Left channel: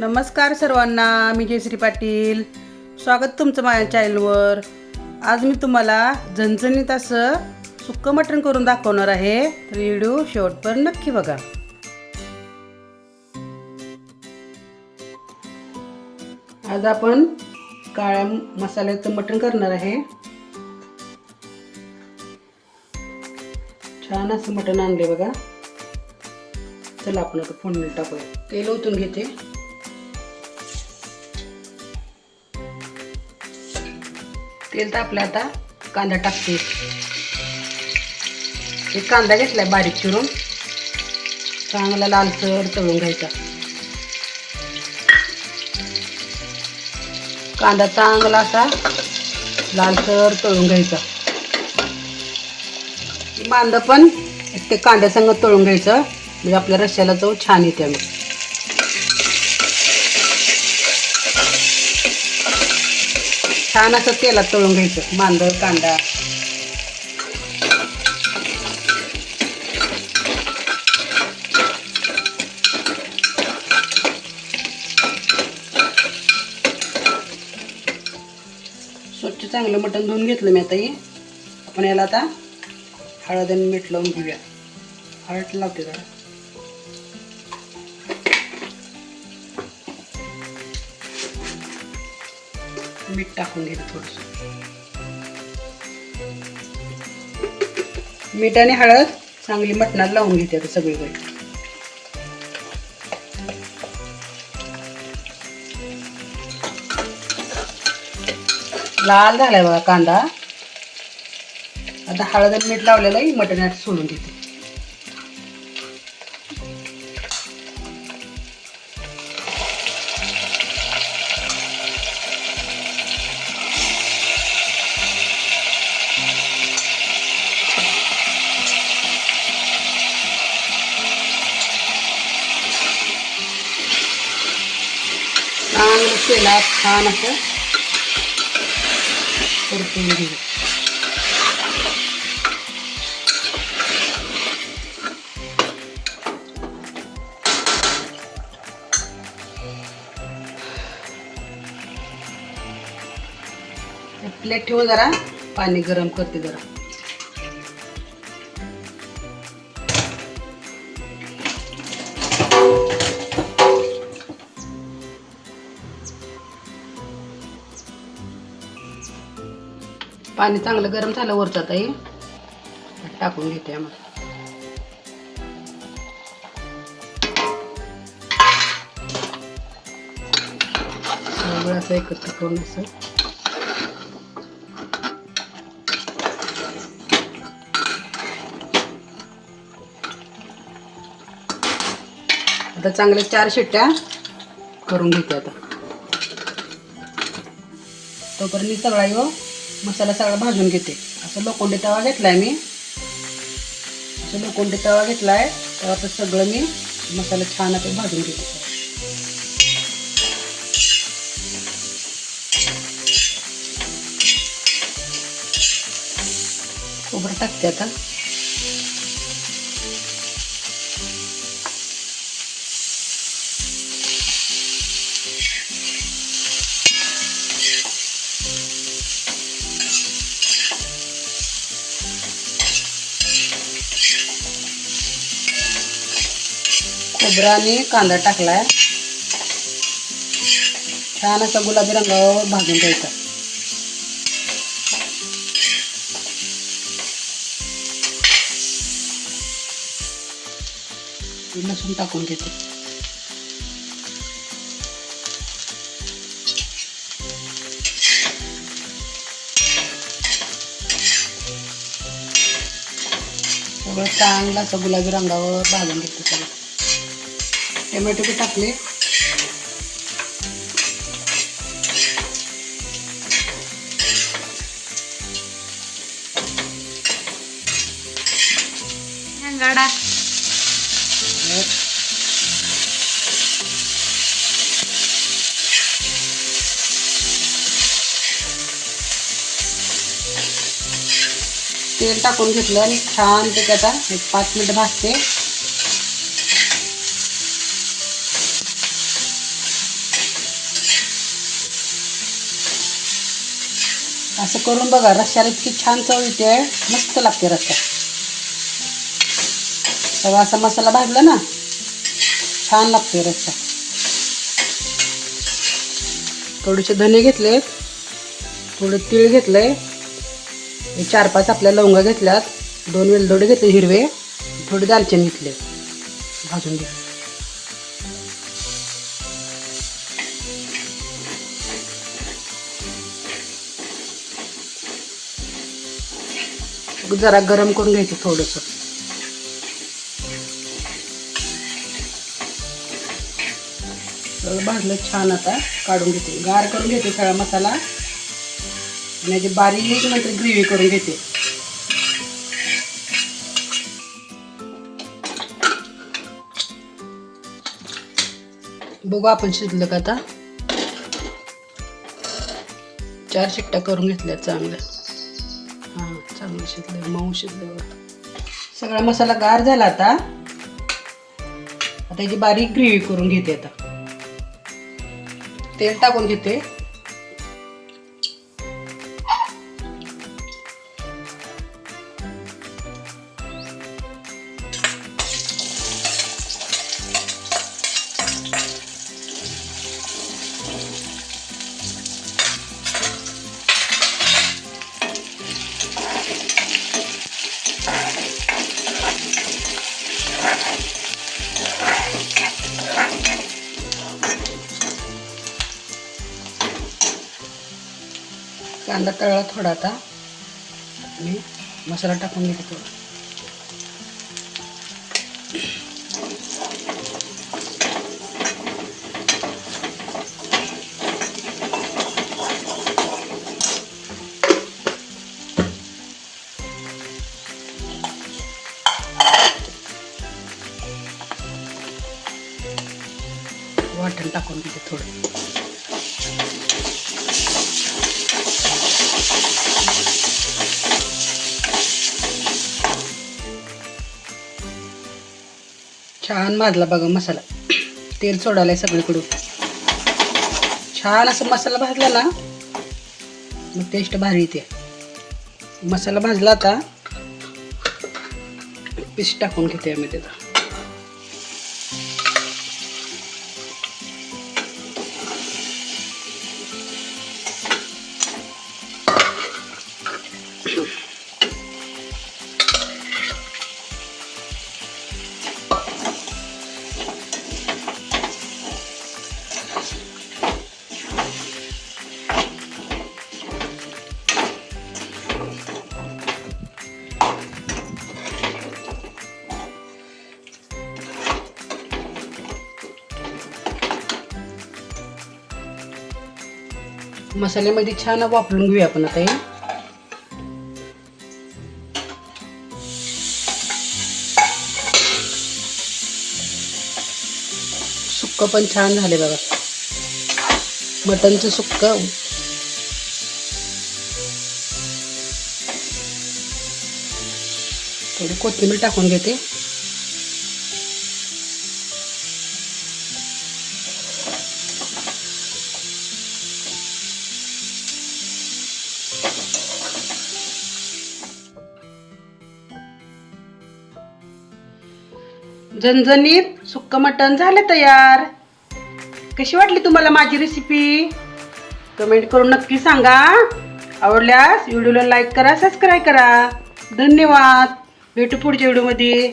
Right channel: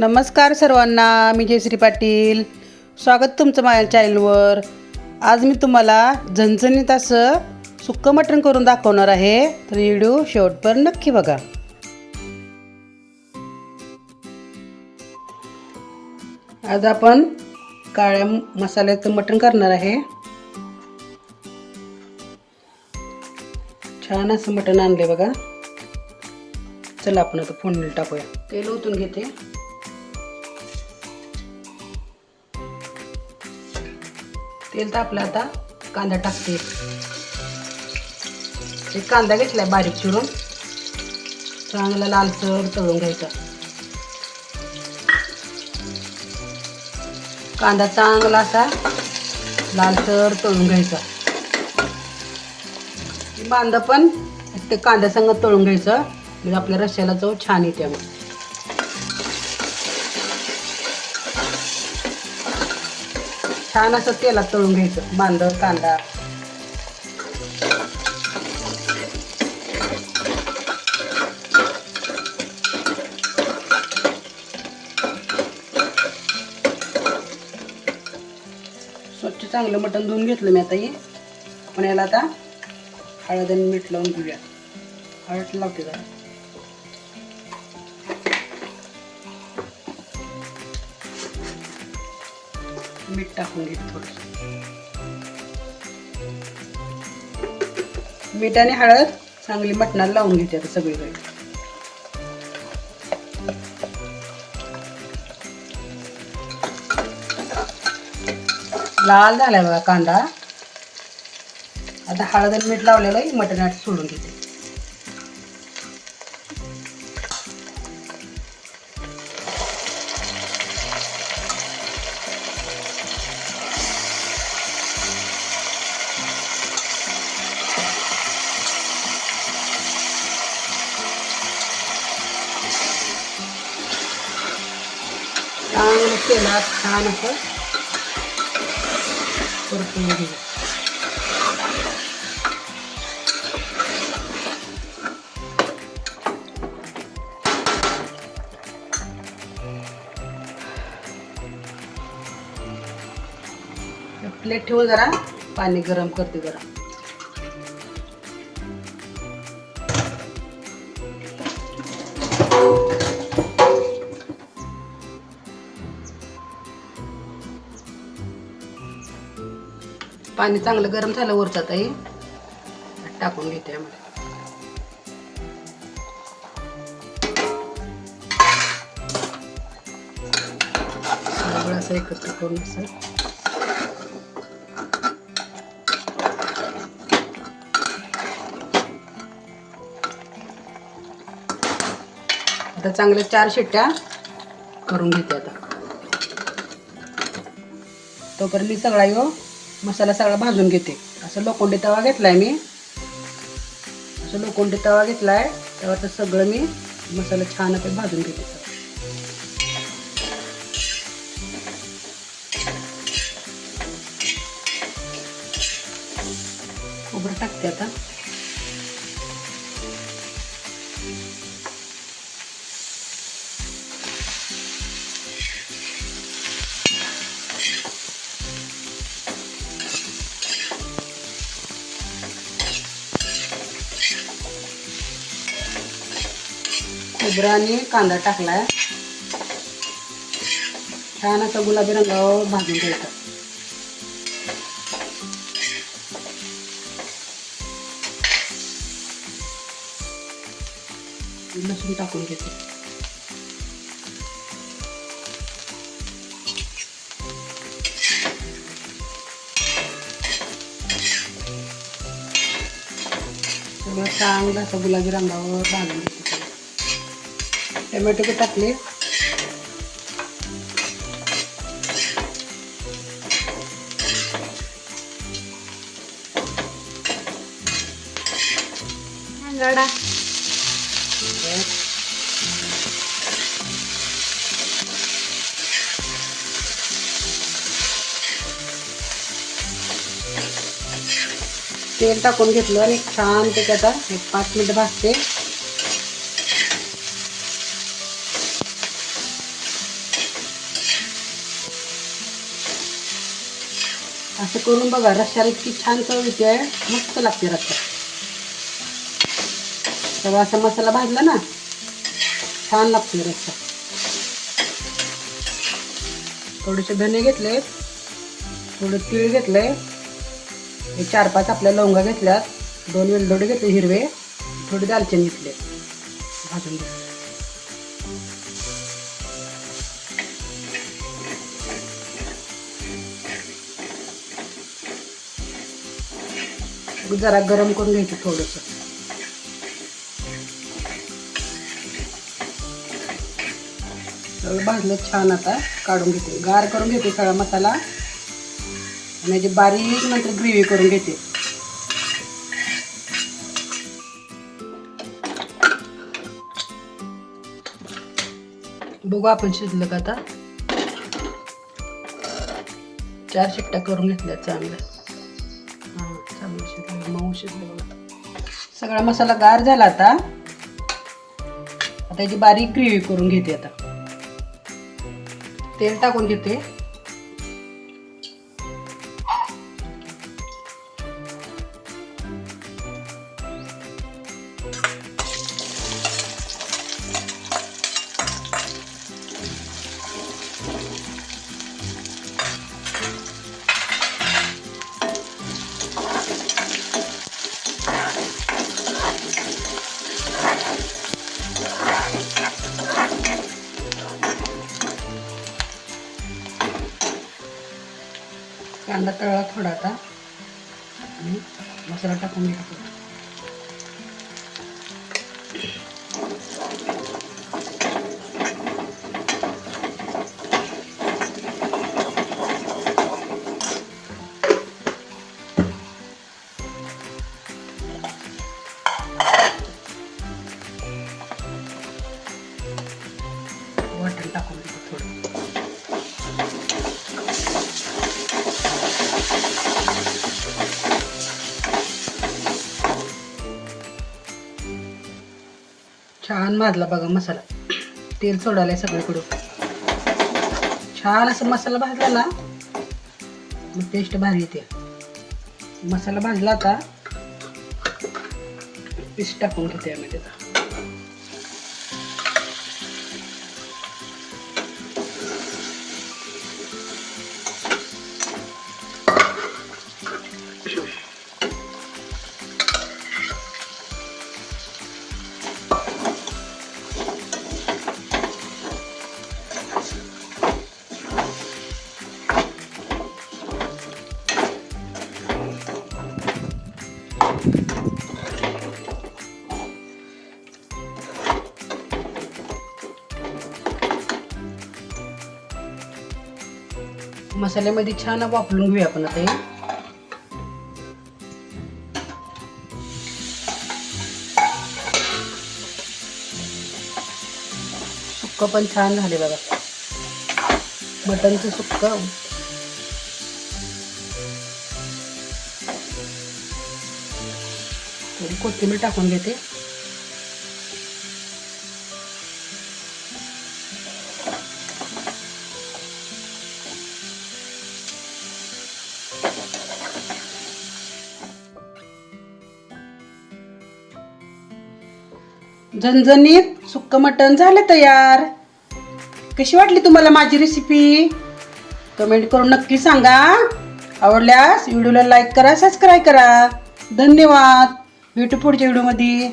नमस्कार सर्वांना, मी जयश्री पाटील. स्वागत तुमचं माझ्या चॅनलवर. आज मी तुम्हाला झणझणीत असं सुक्कं मटण करून दाखवणार आहे, तर व्हिडिओ शेवटपर्यंत नक्की बघा. आज आपण काळ्या मसाल्याचं मटण करणार आहे. छान असं मटण आणले बघा. चला आपण आता फोडणी टाकूया. तेल ओतून घेते. तेल तापलं, आता कांदा टाकते. एक कांदा घेतलाय बारीक चिरून, चांगला लालसर तळून घ्यायचा. कांदा चांगला असा लालसर तळून घ्यायचा. कांदा पण ते कांद्यासंग तळून घ्यायचं, म्हणजे आपल्या रश्श्याला चव छान येते. छान असं तेलात तळून घ्यायचं मांद कांदा. स्वच्छ चांगलं मटण धुवून घेतलं मी. आता आपण याला आता हळद आणि मीठ लावून घेऊया. हळद लावते जरा. मीठ टाकून घेते थोडंसं. मीठ आणि हळद चांगली मटणाला लावून घेते आता सगळीकडे. लाल झालाय बघा कांदा. आता हळद आणि मीठ लावलेलं मटणात सोडून घेते. चांगलं तेलात छान असं परतून घेऊ. प्लेट ठेवून जरा पाणी गरम करते जरा. पाणी चांगलं गरम झालं वरचं, आता टाकून घेते. असं एकत्र करून असं आता चांगले 4 शिट्ट्या करून घेते. आता तोपर्यंत सगळा मसाला सगळा भाजून घेते. असं लोखंडी तवा घेतलाय मी. असं लोखंडी तवा घेतलाय, तर सगळं मी मसाला छान आता भाजून घेते. खोबरं टाकते आता. खोबरं आणि कांदा टाकलाय. छान असा गुलाबी रंगावर भाजून घ्यायचा. लसूण टाकून घेते. सगळं चांगलं असं गुलाबी रंगावर भाजून घेते. टोमॅटो टाकले. तेल टाकून घेतलं आणि छान ते आता 5 मिनिट भाजते. असं करून बघा, रश्श्याला इतकी छान चव येते, मस्त लागते रश्शा. सगळा असा मसाला भाजला ना, छान लागते रश्शा. थोडेसे धने घेतलेत, थोडे तीळ घेतले, 4-5 आपल्या लवंगा घेतल्यात, 2 वेलदोडे घेतले हिरवे, थोडी दालचिनी घेतले, भाजून घे. जरा गरम करून घ्यायचं थोडंसं. भाजलं छान. आता काढून घेते, गार करून घेते सगळा मसाला आणि याची बारीक नंतर ग्रेव्ही करून घेते. बघू आपण शिजलं का. आता 4 शिट्ट्या करून घेतल्या चांगल्या. हां, चांगलं शिजलं, मऊ शिजलं. सगळा मसाला गार झाला. आता याची बारीक ग्रेव्ही करून घेते. आता तेल टाकून घेते. कांदा तळला थोडा. आता आणि मसाला टाकून घेतो. वाटण टाकून घेतो थोडं. छान भाजला बघा मसाला, तेल सोडायला सगळीकडून. छान असं मसाला भाजला ना, मग टेस्ट भारी येते. मसाला भाजला. आता पीस टाकून घेते आम्ही त्याचा. मसाल्यामध्ये छान वापरून घेऊया आपण. आता हे सुक्क पण छान झाले बघा, मटनचं सुक्क. थोडी कोथिंबीर टाकून घेते. झणझणीत सुक्क मटण झालं तयार. कशी वाटली तुम्हाला माझी रेसिपी? कमेंट करून नक्की सांगा. आवडल्यास व्हिडिओला लाईक करा, सबस्क्राईब करा. धन्यवाद. भेटू पुढच्या व्हिडिओमध्ये.